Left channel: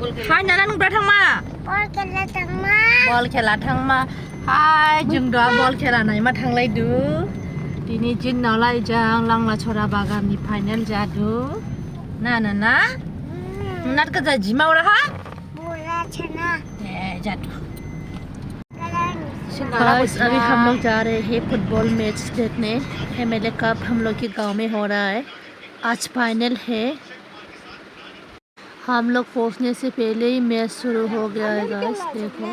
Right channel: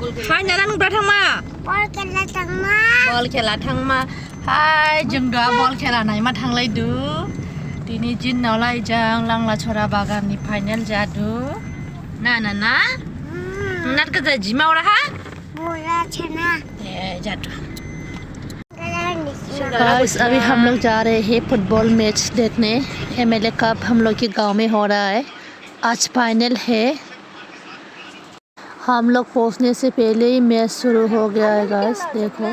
Hai nanang datang ma. Bol kela tangma. Bol khela thang ma. Hai जों दा bol khela नाय मा थांलाय दु. दिनै जिन्नावलाय जों लांला छरा बागाननि फाइनाल जादु. ना ना ना. नाट का जिमाव रहा. Bola chana. जादु. Guys, अभी हम लोग जा रहे हैं फुटबॉल मैच देखने. एमएलए कप हम लोग के गांव में हो रहा है. आज फाइनल है. हम लोग पहुंचने से पहले ही मैच शुरू हो गया है गाइस. देखो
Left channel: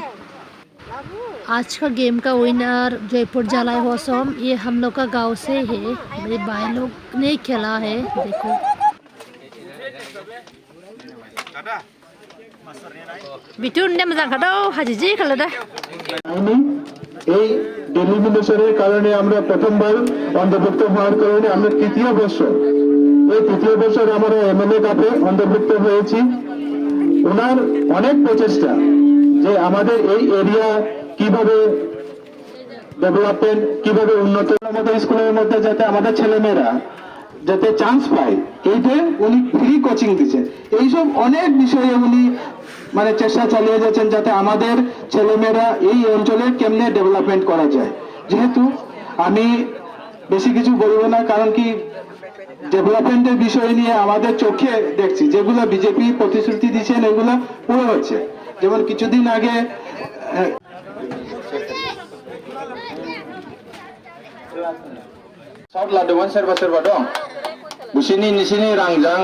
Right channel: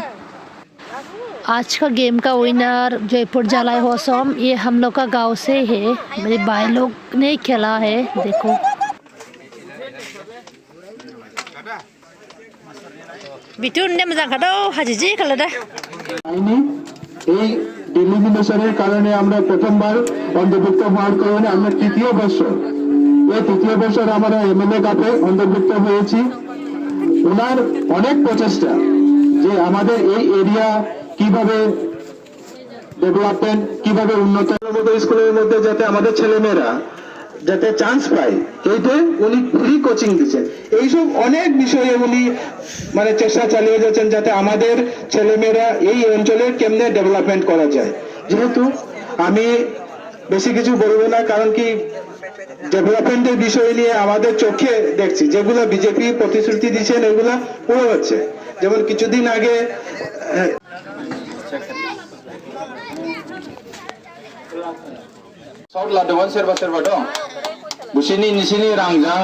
आज का गेम का विनर जयपुर जलाई होसम. ये हम लोग का गांव से है. मेरे भाई लोग ने खेला है. देखो बिटुन ने मजा खादो हाजिजी खालादा. এই ডেলিমিনেশনের কারণে আমরা প্রথমবার অন্তর্ভুক্ত হওয়ার কারণে আমরা তৃতীয় বছর আমরা এমএলএ কাপে অন্তর্ভুক্ত হয়েছি. ওনার অনেক প্রচেষ্টা যে আমাদের এই এরিয়া কিভাবে ডেভেলপমেন্ট কিভাবে উন্নত আমাদের স্কুলের মধ্যে যাতে আমাদের ছেলেমেয়েরা যাতে চান্স পায় এইতে উনি ফ্রি কোচিং দিচ্ছেন. এইসব অনেক বিষয়ে উনি মানে চেষ্টা চালিয়ে যাচ্ছেন যাতে আমাদের ছেলেমেয়েরা এই অঞ্চলে কেমনে ডেভেলপমেন্ট করা যায়. যেহেতু আমি বেশি কিছু বলবো না, কারণ কি ডেভেলপমেন্টের বিষয় নিয়ে আমাদের চোখে দেখছি যেগুলো বিজেপি প্রতিশ্রুতি দিচ্ছেন এগুলা পুরো হচ্ছে. যেমন কিছুদিন আগে South Ladowan serba dong. Di sini rangjang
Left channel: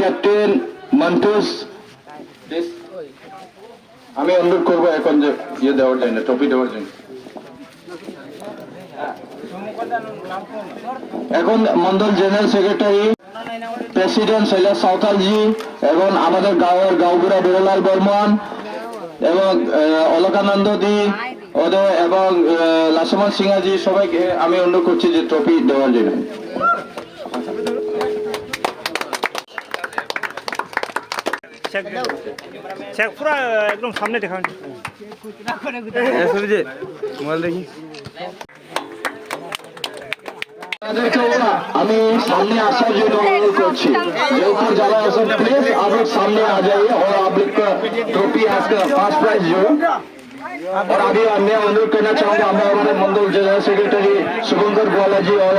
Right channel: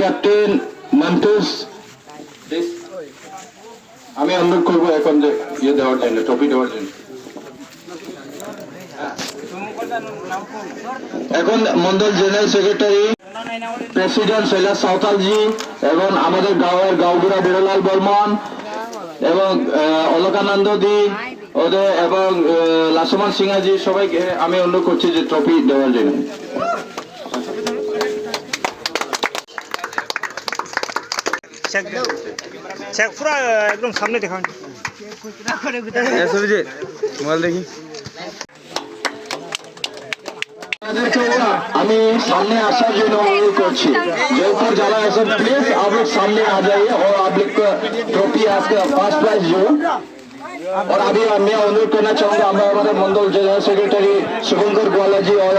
Captain Mantus. আমি অনুরোধ করবো এখন যে ইয়ে দেওয়ার জন্য, ট্রফি দেওয়ার জন্য. এখন মন্ডল জেনারেল সেক্রেটারি প্রেসিডেন্ট শৈলাস সাঁওতালজি এবং আমাদের গাঁওগুড়া বীরলাল বর্মন এবং অলকানন্দ দি ওদের এবং লাসমান সিংহাজি সবাইকে আমি অনুরোধ করছি যে ট্রফি দেওয়ার জন্য. চেক পুরা একদম সামনে দেখান. মোবাইল দেখি. আমি सामने आसार জন্য অনুরোধ করছি. जयपुर जला सब प्लीज आप लोग सामने आ जाइए और आप लोग का ट्रॉफी आज का फर्स्ट प्राइज जो. और अभी मैं अनुरोध करना चाहूंगा हमारे मंडल जनरल सेक्रेटरी शुभंकर ग्वाला जी और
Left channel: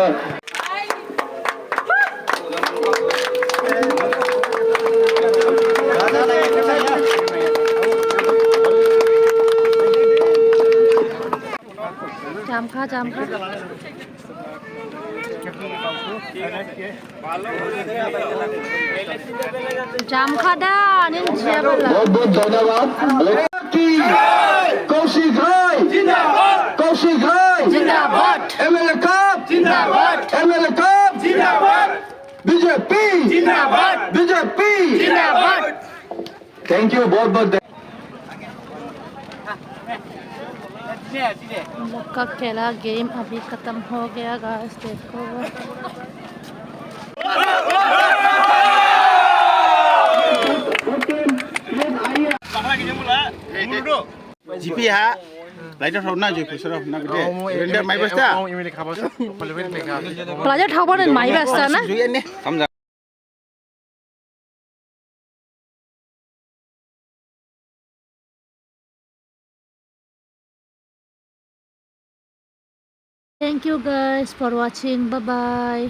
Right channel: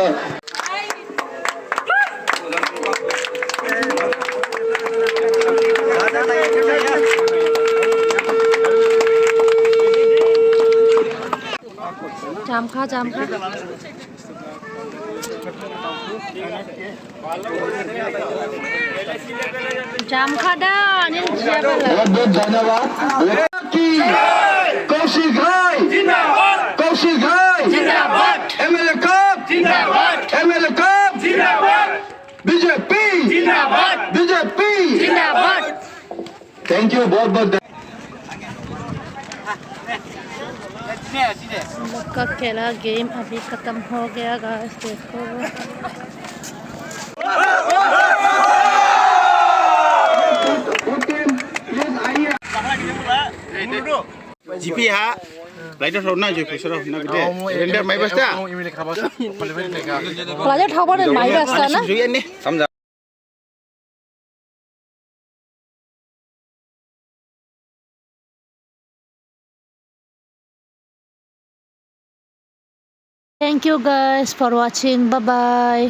जामखा दा अनिल बहुत बहुत धन्यवाद. कौशिक भाई जिंदाबाद. कौशिक भाई जिंदाबाद. एमएलए कप जिंदाबाद. एमएलए कप जिंदाबाद. बीजेपी जिंदाबाद. बीजेपी जिंदाबाद. Thank you. बहुत बहुत हम लोग का खेला गेम अभी खत्म हो गया गाइस. देखो জিপি হা লাইটার হনা যে ফেসরা হনা গদে রেন্ডার মাই বস্তা प्लाजा ठावर माई रास्ता ना जुइए ने समझा. Thank you guys for watching. Bye bye.